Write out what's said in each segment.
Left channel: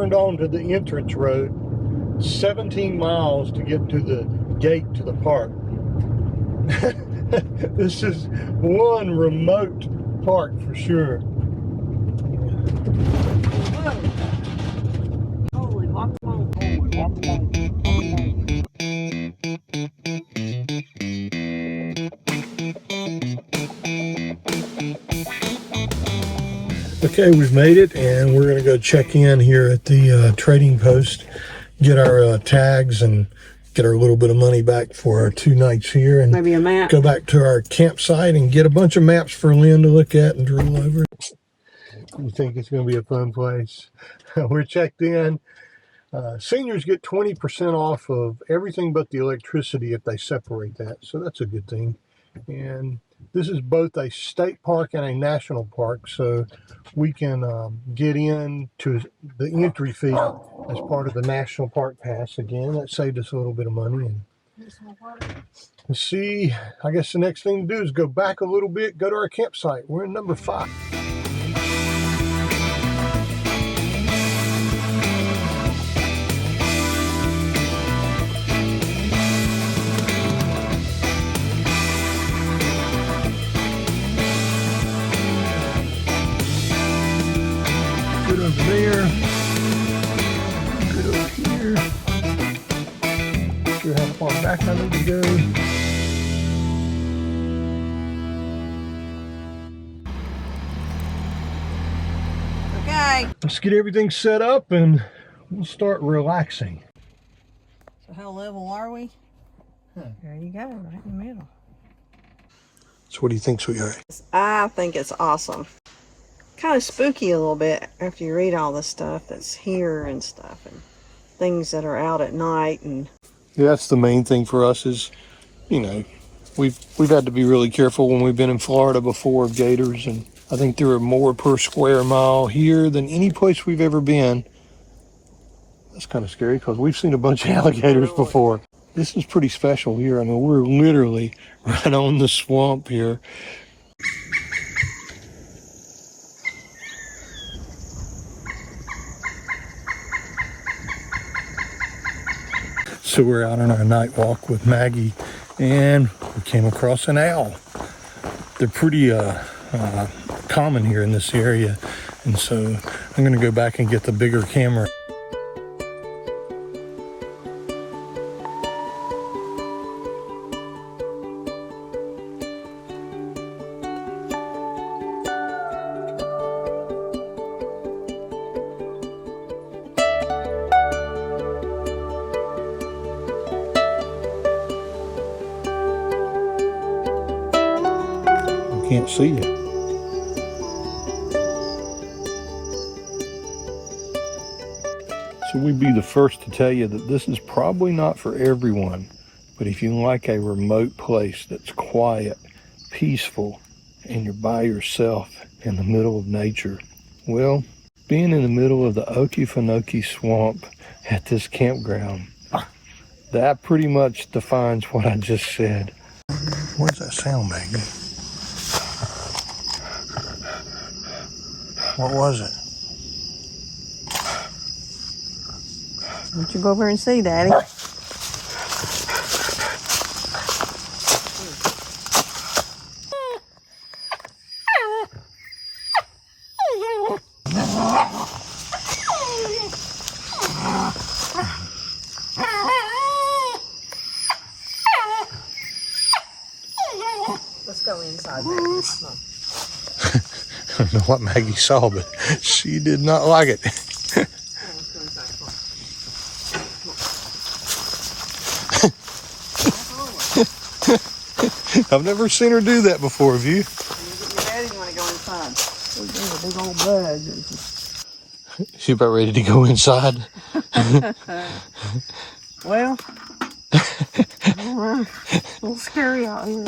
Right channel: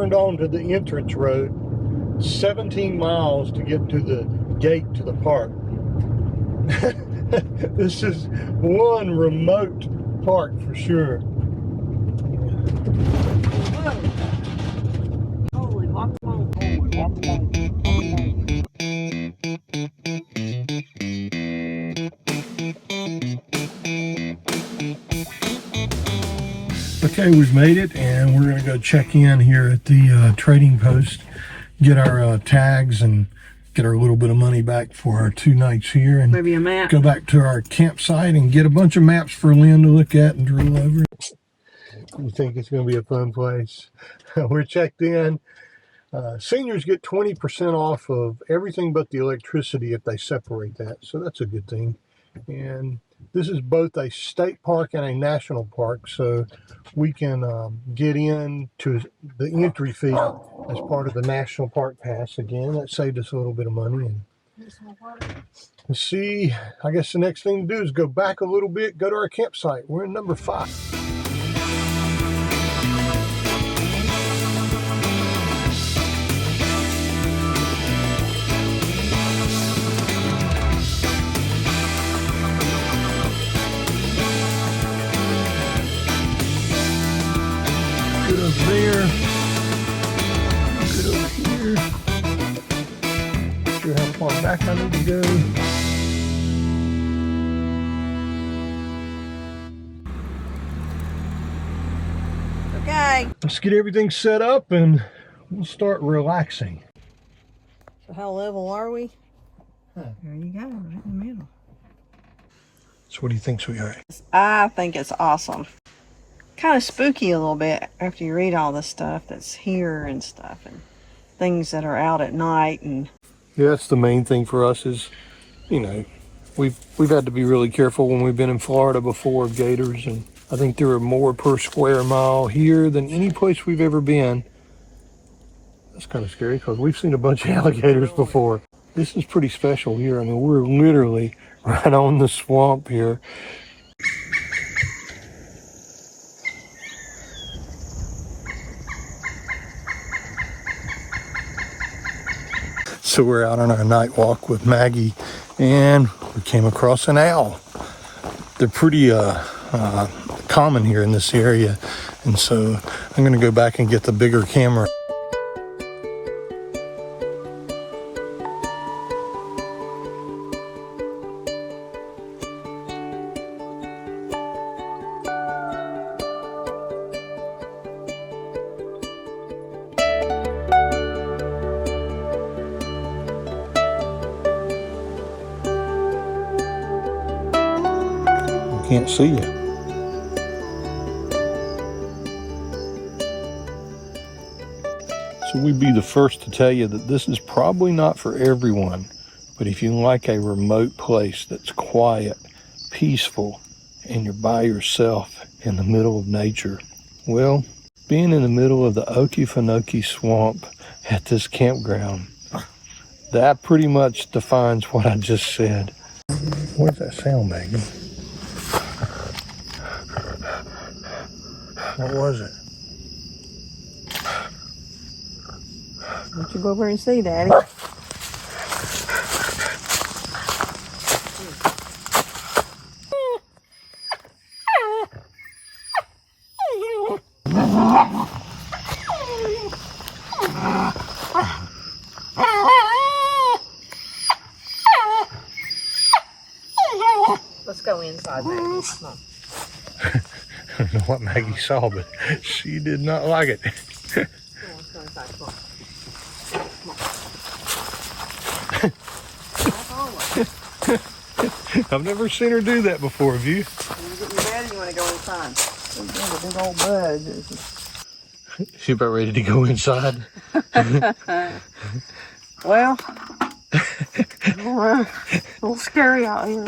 turned onto the entrance road, 17 miles to get to the gate to the park. This is one remote park for sure. Holy guacamole. Holy guacamole. Okay, we've made it, and we're going to go check in here at the trading post, get our tags, and get our little bit of money back for our 2 nights here, and maybe a map. Go back to our campsite and get a bunch of maps for Lynn to look at and drool over. You think it's going to be a fun place? We're checked in. Seniors get 20% off of everything but the electricity if they separate that, so that's a good thing. And this is both a state park and a national park, so we can get in to the entry fee as part of the national park pass. Again, that saved us a little bit of money. And let's see, I guess the next thing to do is go back a little bit, go to our campsite. We're in number 5. Good over there. Good over here. Not sure how far back I need to go. Okay. Let's get everything set up and we'll start relaxing. So how level are we? There you go, right in the middle. So what do you think, sweetheart? I think it's awesome. Kind of spooky a little bit after you read all the stuff that's here and stuff, and things that are out at night. And yeah, that's the main thing for us is, you know, we've had to be really careful when we've been in Florida before of gators, and I think there are more per square mile here than any place we've ever been. That's kind of scary because we've seen a bunch of alligators before. This is pretty special here. I mean, we're literally right on the swamp here. So we're out on our night walk with Maggie, and we came across an owl. They're pretty common here in this area, and so I'm going to go back and get the bigger camera. Can't see it. So we'd be the first to tell you that this is probably not for everyone, but if you like a remote place that's quiet, peaceful, and you're by yourself in the middle of nature, well, being in the middle of the OKEFENOKEE swamp at this campground, that pretty much defines what I just said. Where's that sound, Maggie? What was it? why don't you go over and see, Daddy? Let's go inside, baby. I don't know what Maggie saw, but she did not like it. Come on, let's go inside. Come on. I've never seen her do that before, have you? When you get your daddy, you want to go inside. Oh, there's a big old bug. She about ready to go inside. Well, a little scary out here.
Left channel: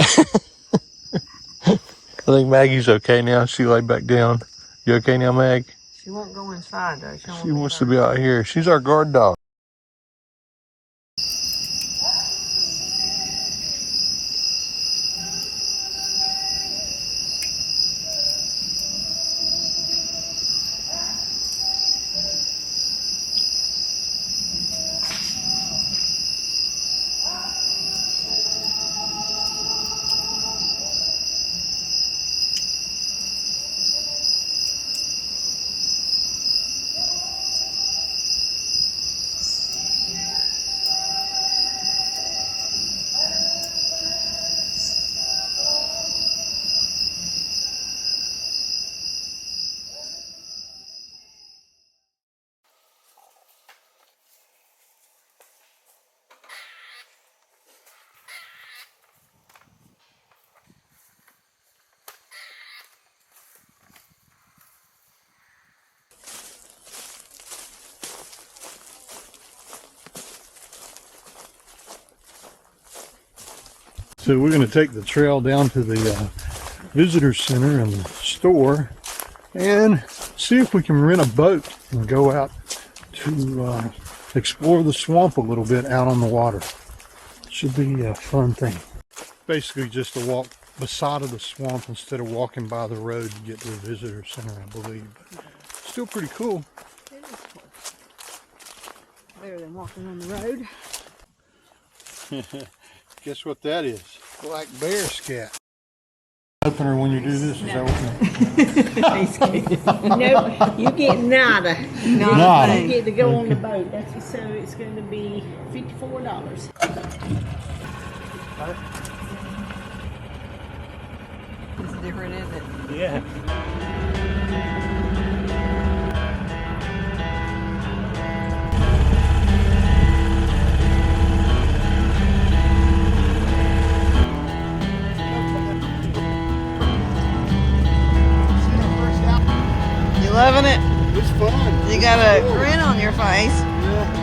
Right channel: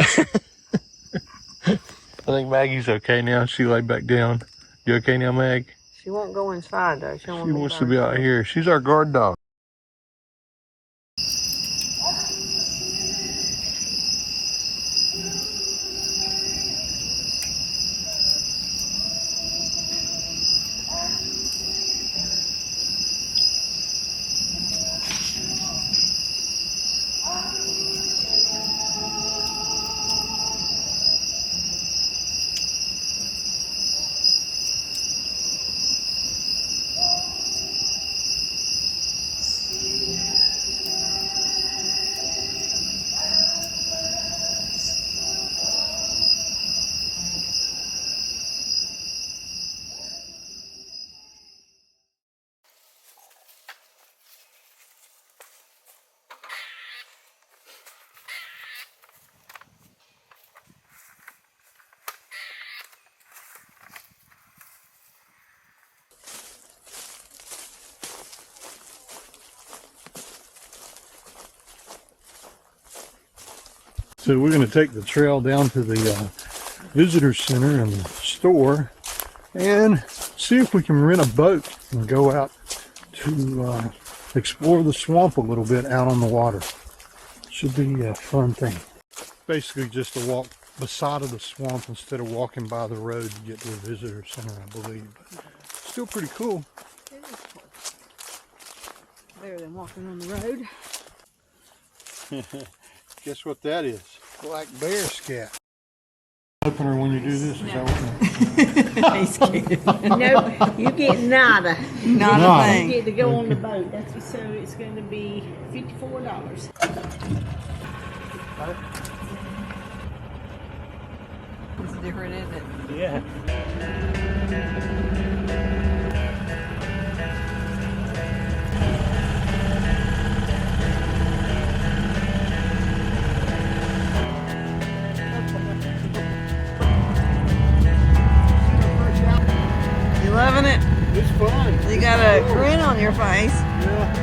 I think Maggie's okay now. She laid back down. You okay now, Mag? She won't go inside, though. She wants to be out here. She's our guard dog. So we're going to take the trail down to the visitor center and the store and see if we can rent a boat and go out to explore the swamp a little bit out on the water. Should be a fun thing. Basically just to walk beside of the swamp instead of walking by the road to get to the visitor center, I believe. But still pretty cool. It is cool. Better than walking on the road. Guess what that is? Black bear scat. Opener when you do this, is that what? Nope, you get nada. Not a You thing. get to go on the boat. That's so it's going to be $54. It's different, isn't it? Yeah. 11 it. It's fun. You got a grin on your face. Yeah.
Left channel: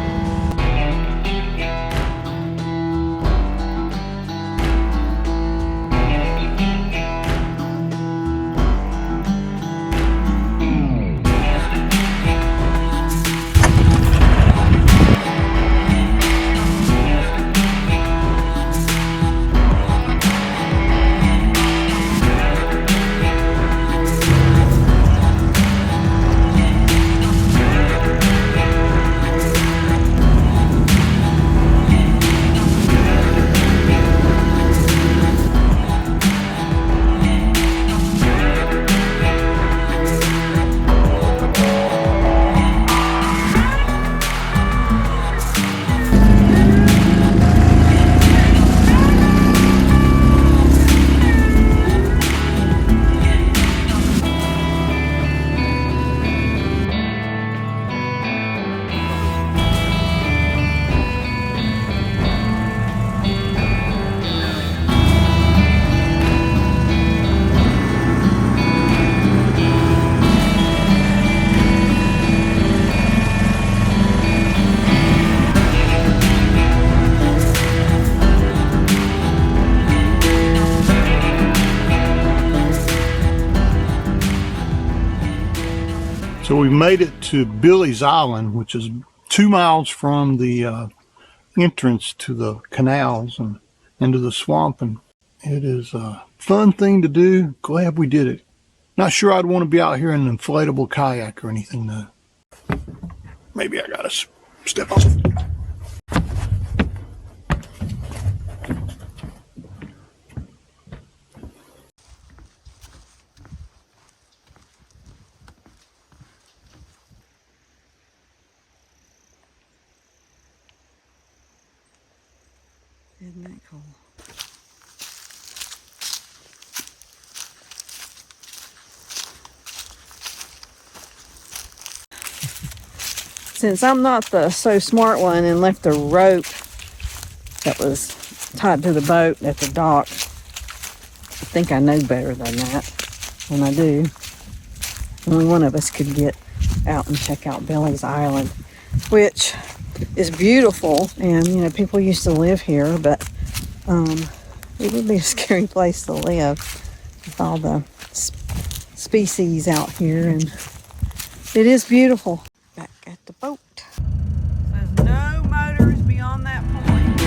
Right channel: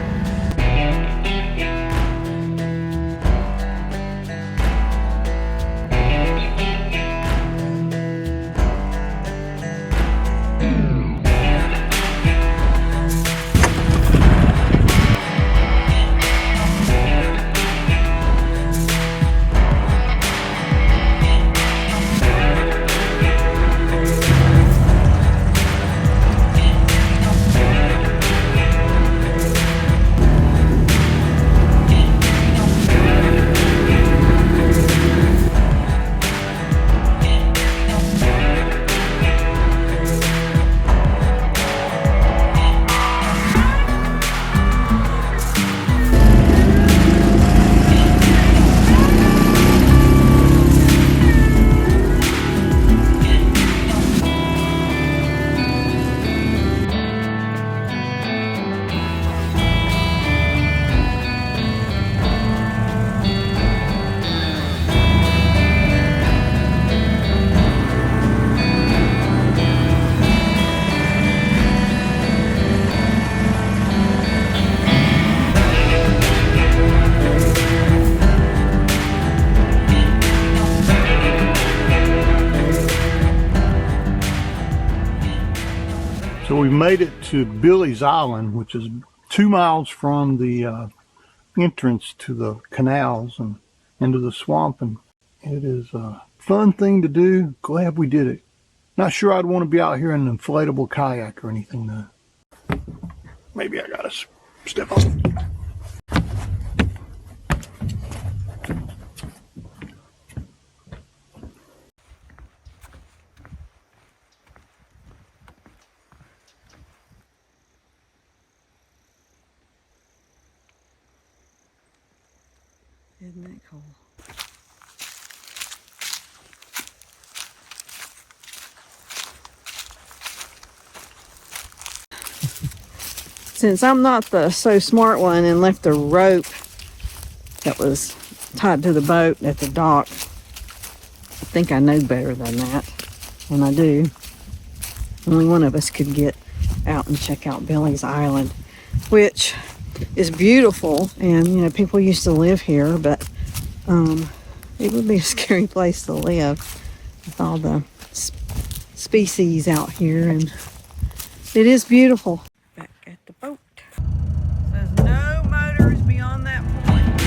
So we made it to Billy's Island, which is 2 miles from the entrance to the canals and into the swamp, and it is a fun thing to do. Glad we did it. Not sure I'd want to be out here in an inflatable kayak or anything though. Maybe I gotta step off. Isn't that cool? Since I'm not the so smart one and left the rope that was tied to the boat at the dock, I think I know better than that. When I do, only one of us could get out and check out Billy's Island, which is beautiful, and you know, people used to live here, but it would be a scary place to live with all the species out here, and it is beautiful. Back at the boat. Says no motors beyond that point.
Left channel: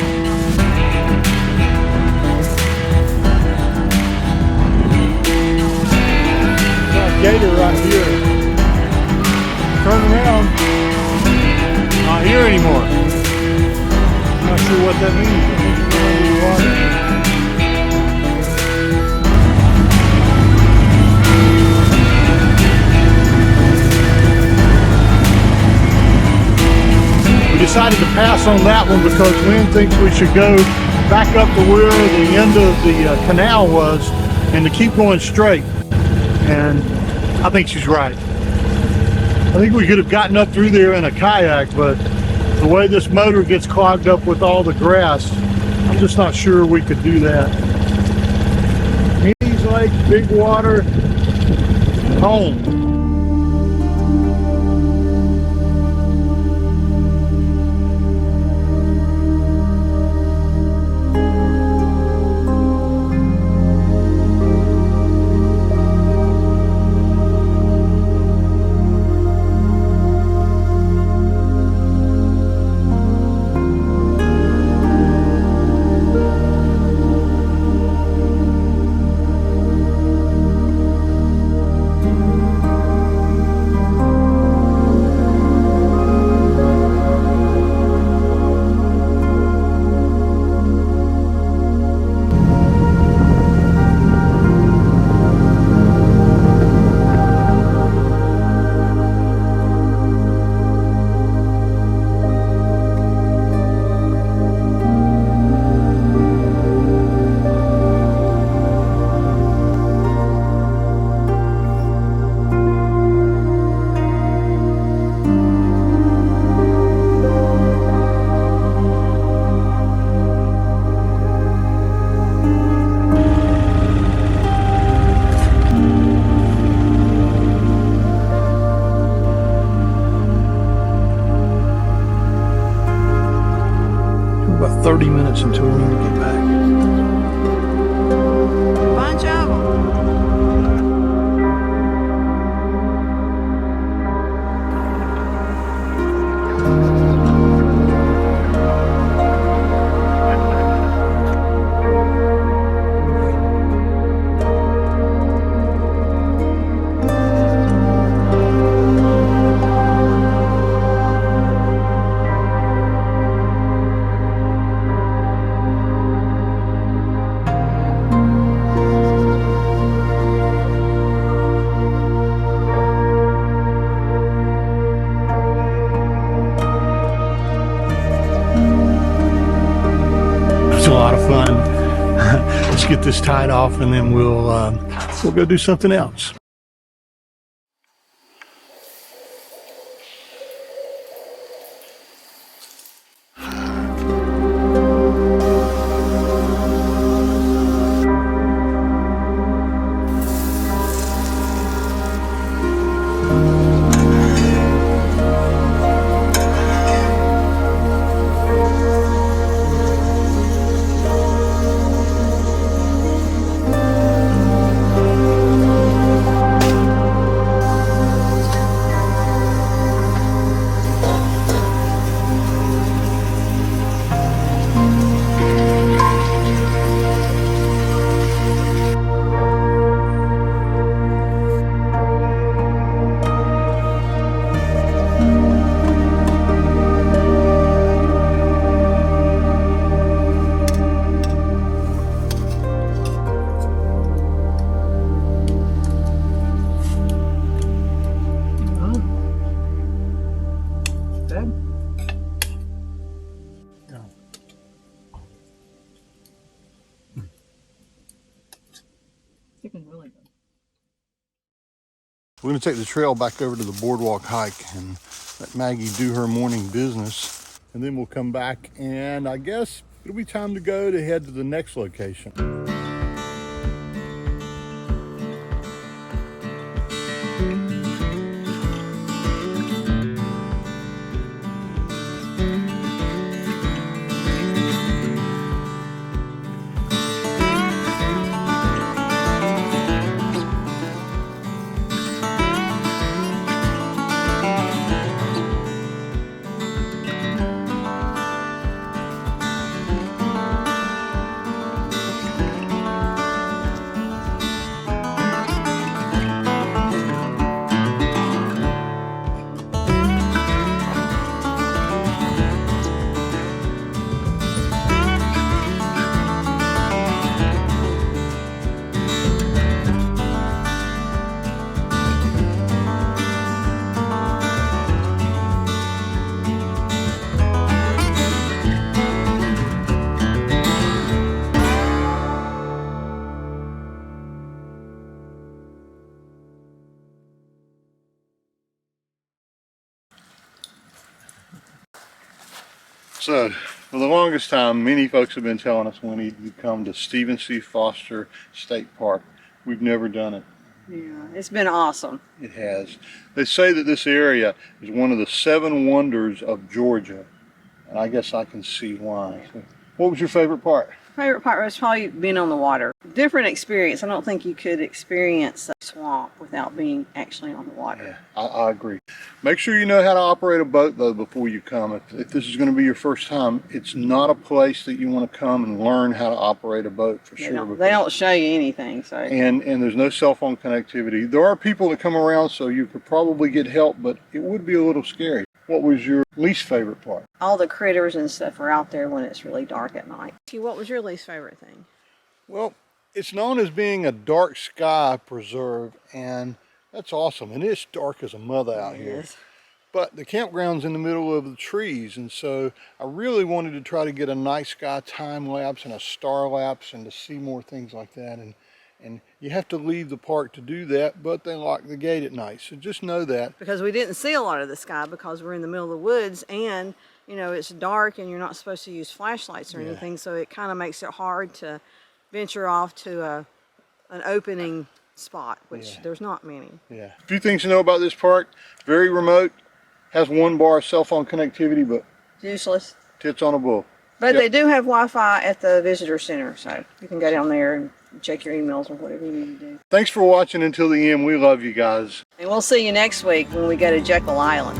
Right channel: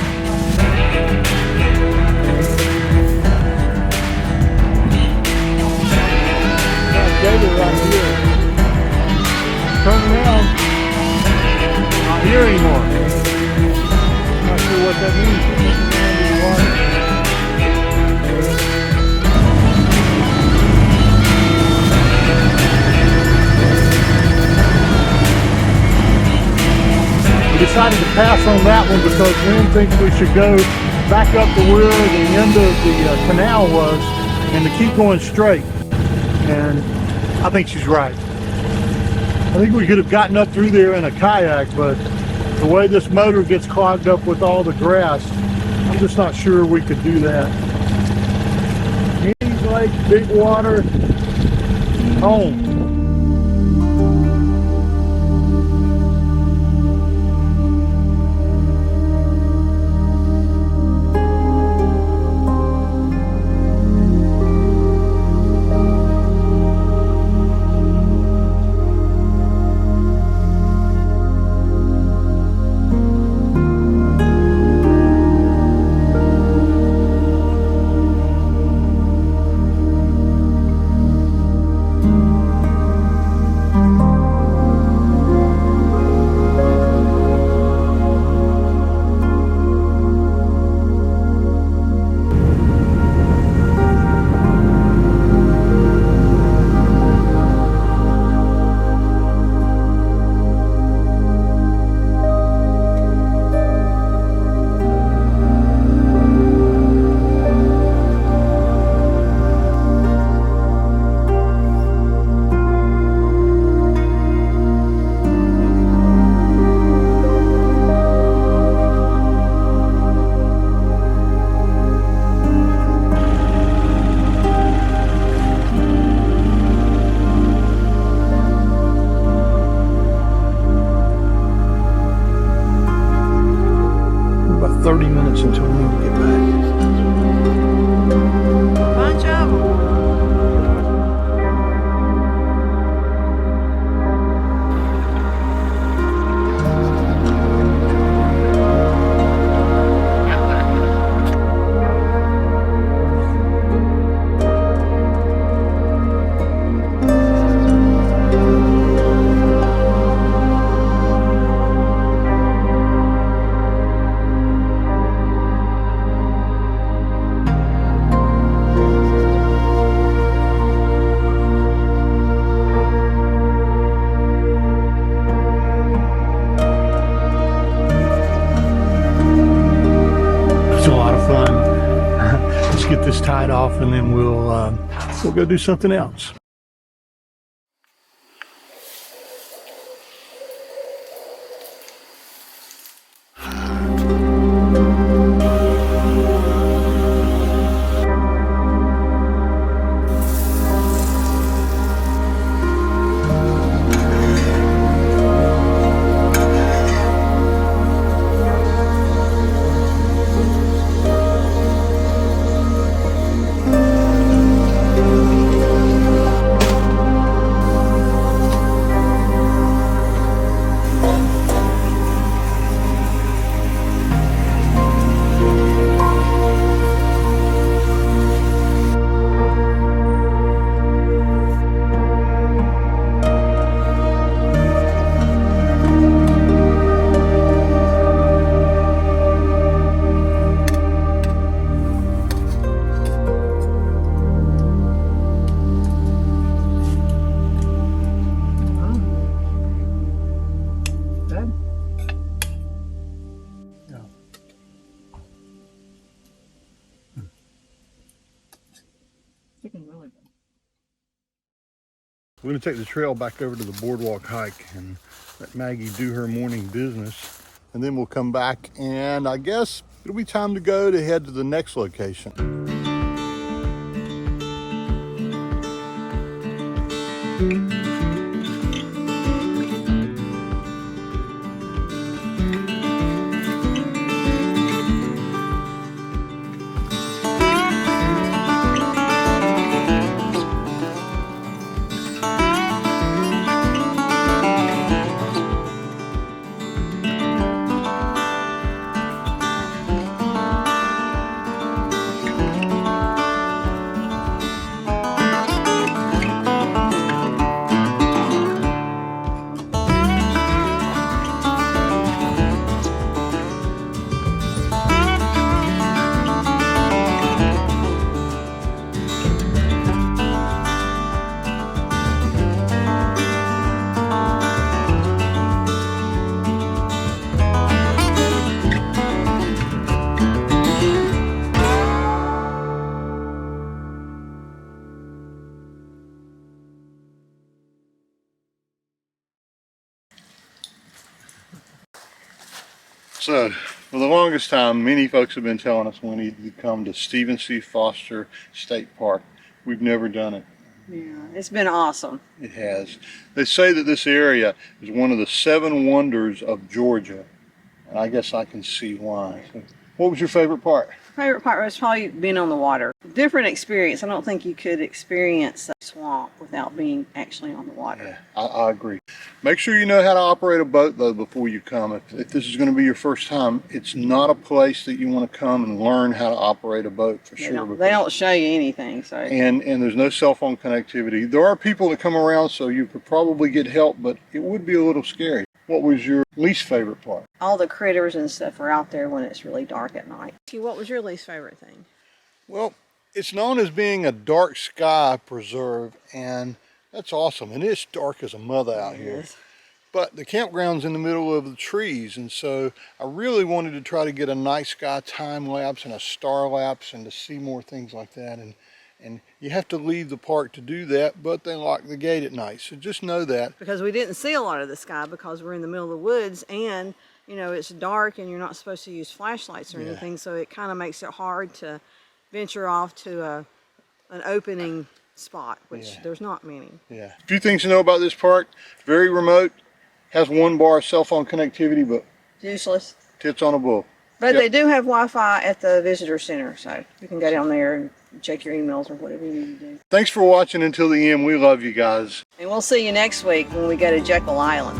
Got gator right here. Turn around. Not here anymore. Not sure what that means. I think we're under the water. We decided to pass on that one because Lynn thinks we should go back up to where the end of the canal was and to keep going straight. And I think she's right. I think we could have gotten up through there in a kayak, but the way this motor gets clogged up with all the grass, I'm just not sure we could do that. Henny's Lake, big water, home. 30 minutes until we need to get back. Bunch of them. It's a lot of fun. Let's get this tied off and then we'll go do something else. We're going to take the trail back over to the boardwalk hike and let Maggie do her morning business. And then we'll come back and I guess it'll be time to head to the next location. So, for the longest time, many folks have been telling us we need to come to Stephen C. Foster State Park. We've never done it. Yeah, it's been awesome. It has. They say that this area is one of the 7 wonders of Georgia, and I guess I can see why. So, what was your favorite part? Favorite part was probably being on the water. Different experience. I don't think you could experience a swamp without being actually on the water. Yeah, I agree. Make sure you know how to operate a boat though before you come. If this is going to be your first time, it's not a place that you want to come and learn how to operate a boat for sure. They don't show you anything. So and there's no cell phone connectivity. There are people that come around, so you could probably get help, but it would be a little scary. What was your least favorite part? All the critters and stuff are out there when it's really dark at night. What was your least favorite thing? Well, it's known as being a dark sky preserve, and that's awesome. And it's dark as a mother out here. But the campground's in the middle of the trees, and so I really wanted to try to get a night sky time lapse and a star lapse and to see more things like that. And you have to leave the park to do that, but they lock the gate at night. So just know that. Because we didn't see a lot of the sky because we're in the middle of the woods, and you know, it's dark and you're not supposed to use flashlights or anything, so it kind of makes it hard to venture off to an opening spot, which there's not many. Yeah. A few things to know about this park. Very remote, has 1 bar of cell phone connectivity, but useless. Tits on a bull. But Yep. they do have Wi-Fi at the visitor center, so you can go down there and check your emails or whatever you need to do. Thanks for watching until the end. We love you guys. And we'll see you next week when we go to Jekyll Island.